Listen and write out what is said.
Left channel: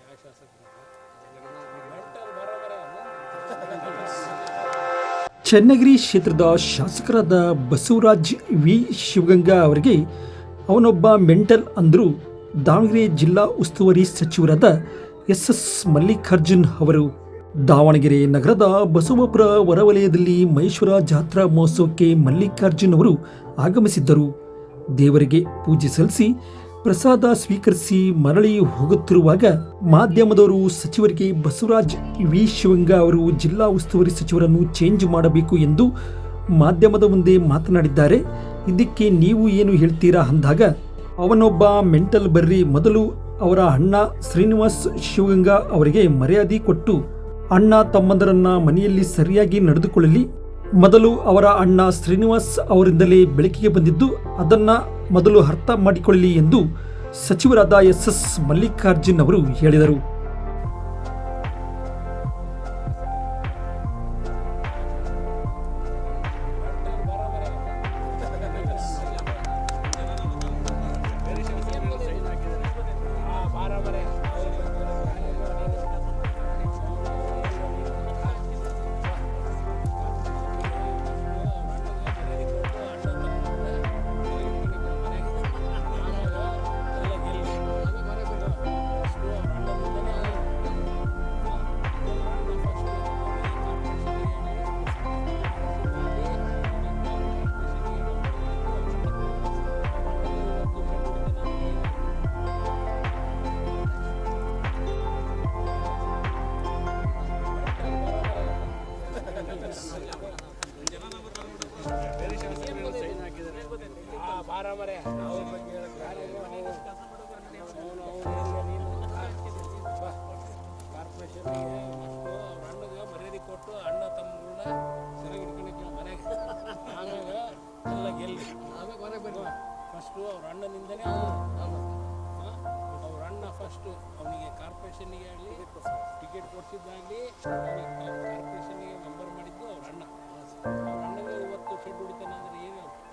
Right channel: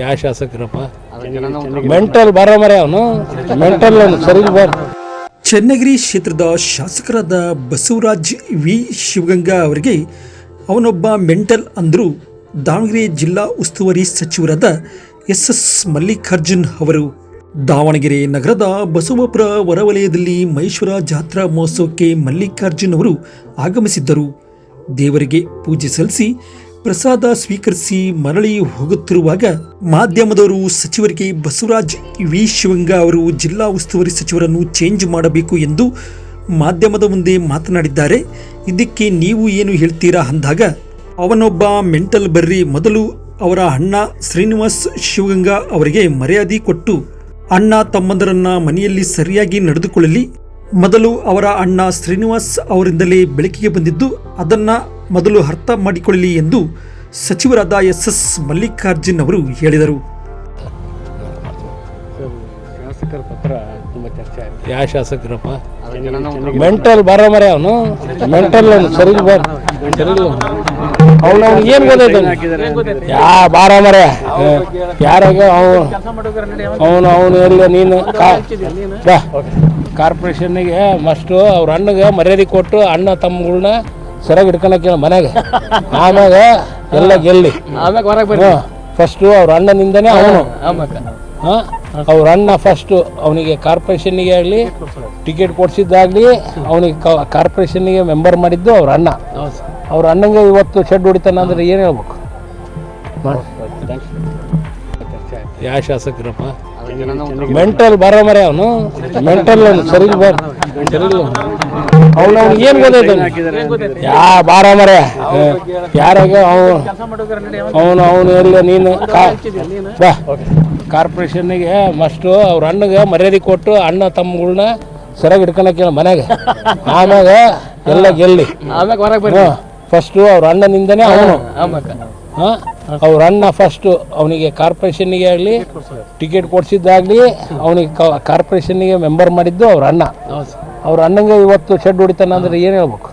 ಯಾವ ಶಾಸಕರಪ್ಪ ಮೆಂಟಲ್ ಬರ ಮರ ಅವನು ಮೆಂಟಲ್ ಸರಿ ಬರ. ಚನ್ನಗಿರಿ ಕ್ಷೇತ್ರದ ಶಾಸಕರಾದ ಬಸವರಾಜ್ ವಿ ಶಿವಗಂಗಾ ಅವರಿಗೆ ಅವನೊಬ್ಬ ಮೆಂಟಲ್ ಅಂದರು ದಾವಣಗೆರೆ ಜಿಲ್ಲಾ ಉಸ್ತುವಾರಿ ಸಚಿವರಾದ ಎಸ್ ಮಲ್ಲಿಕಾರ್ಜುನ್ ಅವರು ದಾವಣಗೆರೆ ನಗರದ ಬಸವಪುರ ಹೊರವಲಯದಲ್ಲಿ ಮಹೇಶ್ವರ ಜಾತ್ರಾ ಮಹೋತ್ಸವಕ್ಕೆ ಮಲ್ಲಿಕಾರ್ಜುನ್ ಅವರು ಆಗಮಿಸಿದ್ದರು. ದೇವರಿಗೆ ಪೂಜೆ ಸಲ್ಲಿಸಿ ಪ್ರಸಾದ ಸ್ವೀಕರಿಸಿ ಮರಳಿ ಹೋಗುತ್ತಿರುವಾಗ ಮಾಧ್ಯಮದವರು ಸಚಿವರಿಗೆ ಬಸವರಾಜ್ ವಿ ಶಿವಗಂಗಾ ಅವರು ಜಿಲ್ಲಾ ಉಸ್ತುವಾರಿ ಸಚಿವರನ್ನು ಚೇಂಜ್ ಮಾಡಬೇಕು ಎಂದು ಮಾಧ್ಯಮದ ಮುಂದೆ ಮಾತನಾಡಿದ್ದಾರೆ. ಇದಕ್ಕೆ ನೀವು ಏನು ಹೇಳ್ತೀರಾ ಅಂದಾಗ ಅವನೊಬ್ಬ ಮೆಂಟಲ್ ಬರ್ರಿ, ಮೊದಲು ಅವರ ಅಣ್ಣ ಶ್ರೀನಿವಾಸ್ ಶಿವಗಂಗಾ ಅವರಿಗೆ ಮರ್ಯಾದೆ ಕೊಟ್ಟು ಅಣ್ಣ ತಮ್ಮಂದರನ್ನ ಮನೆಯಲ್ಲಿ ಸರಿಯಾಗಿ ನಡೆದುಕೊಳ್ಳಲಿ. ಮೊದಲು ಅವರ ಅಣ್ಣ ಶ್ರೀನಿವಾಸ್ ಅವರಿಂದಲೇ ಬೆಳಕಿಗೆ ಬಂದಿದ್ದು ಅದನ್ನ ಮೊದಲು ಅರ್ಥ ಮಾಡಿಕೊಳ್ಳಲಿ ಎಂದು ಸಚಿವರಾದ ಎಸ್ ಮಲ್ಲಿಕಾರ್ಜುನ್ ಅವರು ಹೇಳಿದರು. ಯಾವ ಶಾಸಕರಪ್ಪ ಮೆಂಟಲ್ ಬರ ಮರ ಅವನು ಮೆಂಟಲ್ ಸರಿ ಬರ ಅವನು ಏನು ಗೊತ್ತೈತೆ ಯಾ ಬಾರ ಮರ ಯಾರಾಗ ಅವನು ಎಲ್ಲ ನೀನು ಕಾರ್ಪೊರೇಷನ್ನಿಗೆ ಮಸ್ಟು ಅವ್ರ ಅಣ್ಣಗೆ ಮರ್ಯಾದೆ ಕೊಟ್ಟು ಅಣ್ಣ ತಮ್ಮಗಳನ್ನ ಸರಿಯಾಗಿ ಹಿಡ್ಕೊಳಕ್ಕೆ ಮನೆಗೆ, ಆಮ್ಯಾಗ ಎಲ್ಲ ಗೆಲ್ಲಿ ಫಸ್ಟು ಅವ್ರ ಅಣ್ಣನಿಂದನೇ ಅವನು ಅವ್ರ ಅಣ್ಣ ಫಸ್ಟು ಅವನಿಗೆ ಕಾರ್ಪೊರೇಷನ್ನಿಗೆ ಆಗಲಿ ಟಿಕೆಟ್ ಕೊಡಿಸಿದ್ದಾಗಲಿ ಅವನಿಗೆ ಕಾರ್ಪೊರೇಷನ್ನಿಗೆ ಮೆಂಬರ್ ಮಾಡಿದ್ದು ಅವ್ರ ಅಣ್ಣ. ಅವ್ರ ಅಣ್ಣಂಗೆ ಇವತ್ತು ಶೆಡ್ ಹೊಡಿತಾನ ಅಂದ್ರೆ ಏನು ಹೇಳ್ಬೇಕು? ಯಾವ ಶಾಸಕರಪ್ಪ ಮೆಂಟಲ್ ಬರ ಮರ ಅವನು ಮೆಂಟಲ್ ಸರಿ ಬರ ಅವನು ಏನು ಗೊತ್ತೈತೆ ಯಾ ಬಾರ ಮರ ಯಾರಾಗ ಅವನು ಎಲ್ಲ ನೀನು ಕಾರ್ಪೊರೇಷನ್ನಿಗೆ ಮಸ್ಟು ಅವ್ರ ಅಣ್ಣಗೆ ಮರ್ಯಾದೆ ಕೊಟ್ಟು ಅಣ್ಣ ತಮ್ಮಗಳನ್ನ ಸರಿಯಾಗಿ ಹಿಡ್ಕೊಳಕ್ಕೆ ಮನೆಗೆ, ಆಮ್ಯಾಗ ಎಲ್ಲ ಗೆಲ್ಲಿ ಫಸ್ಟು ಅವ್ರ ಅಣ್ಣನಿಂದನೇ ಅವನು ಅವ್ರ ಅಣ್ಣ ಫಸ್ಟು ಅವನಿಗೆ ಕಾರ್ಪೊರೇಷನ್ನಿಗೆ ಆಗಲಿ ಟಿಕೆಟ್ ಕೊಡಿಸಿದ್ದಾಗಲಿ ಅವನಿಗೆ ಕಾರ್ಪೊರೇಷನ್ನಿಗೆ ಮೆಂಬರ್ ಮಾಡಿದ್ದು ಅವ್ರ ಅಣ್ಣ. ಅವ್ರ ಅಣ್ಣಂಗೆ ಇವತ್ತು ಶೆಡ್ ಹೊಡಿತಾನ ಅಂದ್ರೆ ಏನು ಹೇಳ್ಬೇಕು?